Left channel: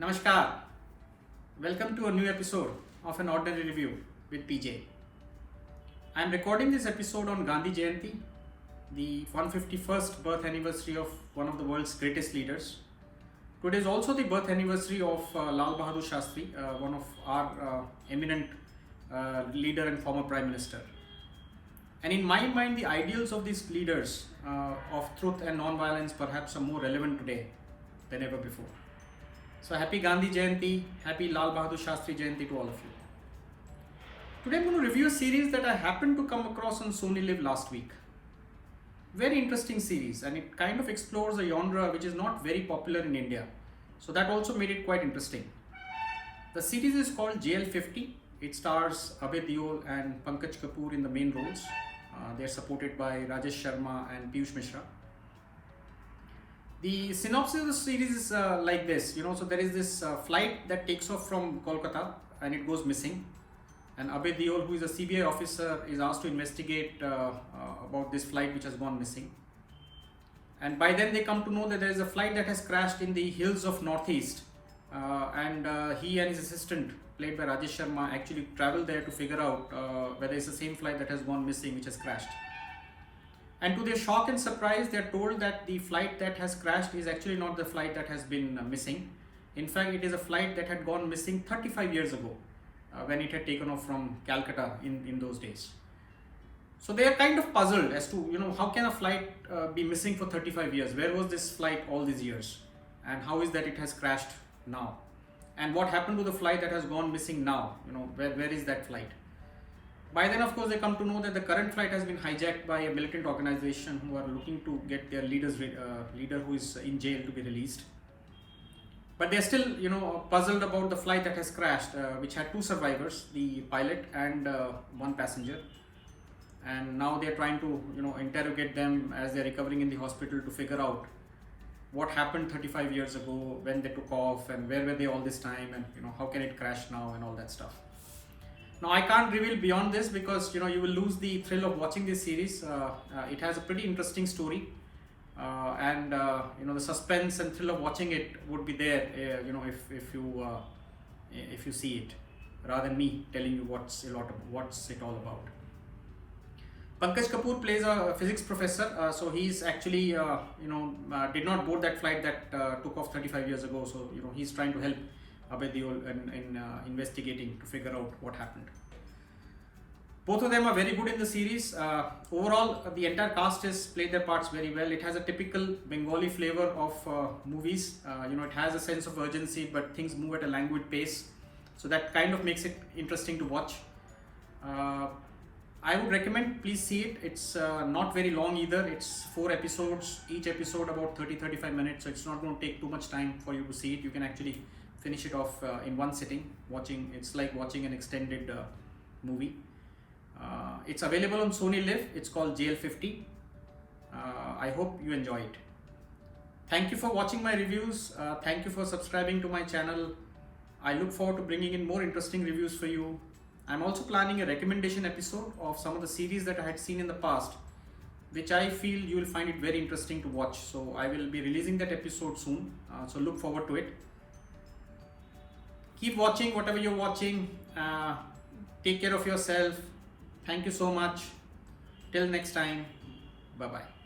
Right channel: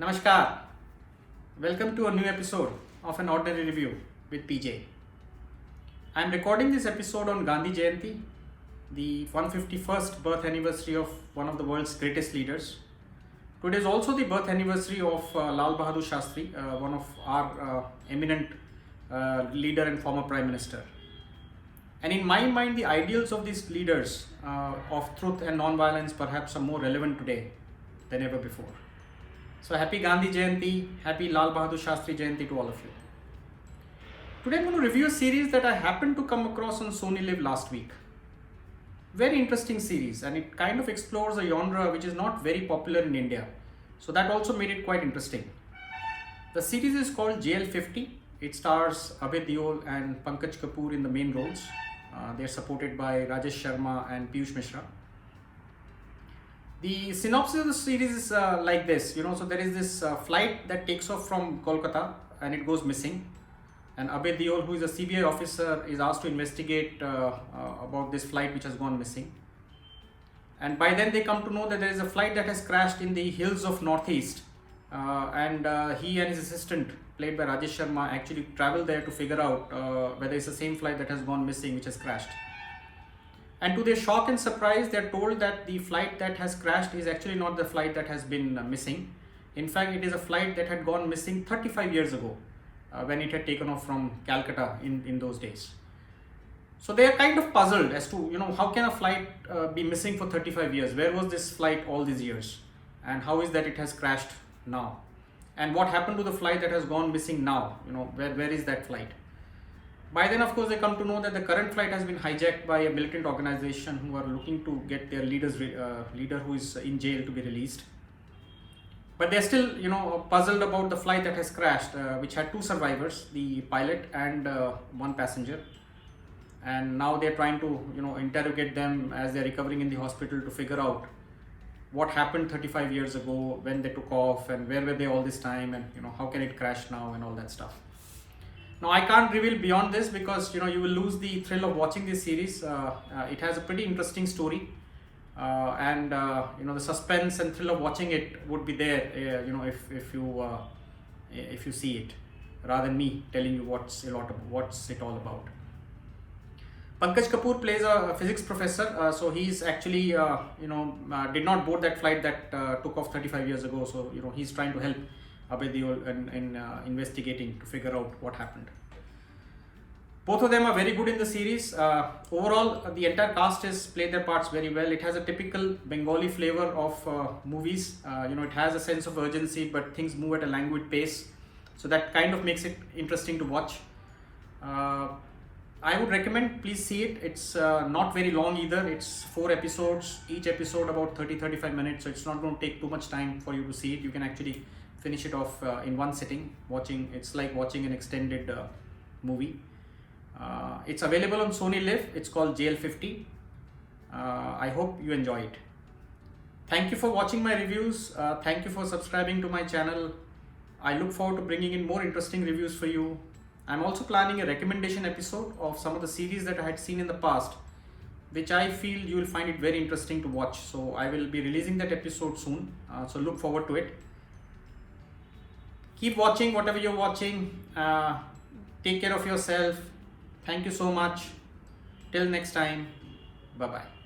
Namaskar. Welcome to a new episode of An Ordinary Review with PJ. I am recording this episode on Gandhi Jayanti, the 151st birth anniversary of one of the world's greatest leaders. Today is also the birth anniversary of Lal Bahadur Shastri, one of our eminent leader and former Prime Minister. And in my mind, the ideals of these leaders of truth and non-violence perhaps are more relevant today than ever before. So happy Gandhi Jayanti, happy Lal Bahadur Shastri Jayanti to all of you. Today I'm going to review a series that I happened to come across on Sony Live last week. Very interesting series, and it kind of explores a genre which is not very popular in India. So that also made it quite interesting. The series is called JL50. It stars Abhay Deol and Pankaj Kapoor in the main roles. They are supported by Rajesh Sharma and Piyush Mishra. The synopsis of the series is like this, so there is this flight that takes off from Kolkata and it goes missing. And Abhay Deol, who is a CBI officer, is asked to investigate about this flight which has gone missing. And by then they come to know that there is a flight that has crashed in the hills of Northeast. And he and his assistant, played by Rajesh Sharma, actually travel there to figure out whether it's the same flight that has gone missing which has crashed. And to their shock and surprise, they are told that the flight that has crashed is actually not the flight that has been missing. In fact, it is a flight that had gone missing 35 years ago when it had taken off from Calcutta in those days. So they are kind of puzzled as to, how can a flight be missing for 35 years? Where was this flight all these years? And how is that it has crashed now? And what happened to the flight that has gone missing now? Where is that flight? By then, of course, they come to know that the current flight has been hijacked by a militant organization who are looking to get their leader who is in jail to be released. But they're still, puzzled about the flight that has crashed, which had two survivors, the pilot and one passenger. And now they're trying to, interrogate them as they're recovering in the hospital to figure out what happened 35 years ago, when they took off, and where were they all this time, and how can it crash now, and all that stuff. Now I can't reveal beyond this because you will lose the thrill of watching this series. It has a pretty interesting story, and the suspense and thrill of watching it would be there. If you see it, rather than me telling you what's it all about. Pankaj Kapoor plays a physics professor, so he's actually did not board that flight that took off 35 years ago. So he's trying to help Abhay Deol in investigating to figure out what happened. Both of them are very good in the series. Overall, the entire cast has played their parts very well. It has a typical Bengali flavor of movies. It has a sense of urgency, but things move at a languid pace. So that kind of makes it interesting to watch. I would recommend, please see it. It's not very long either. It's 4 episodes, each episode about 30-35 minutes. So it's not going to take too much time for you to see it. You can actually finish it off in one sitting. It's like watching an extended movie. It's available on Sony Live. It's called JL50. I hope you enjoy it. Thank you for watching my reviews. Thank you for subscribing to my channel. I look forward to bringing in more interesting reviews for you. I'm also planning a recommendation episode of some of the series that I had seen in the past, which I feel you will find it very interesting to watch. So I will be releasing that episode soon. So look forward to it. Keep watching whatever you're watching. Take care of yourself. Thank you so much. Till next time. Bye-bye.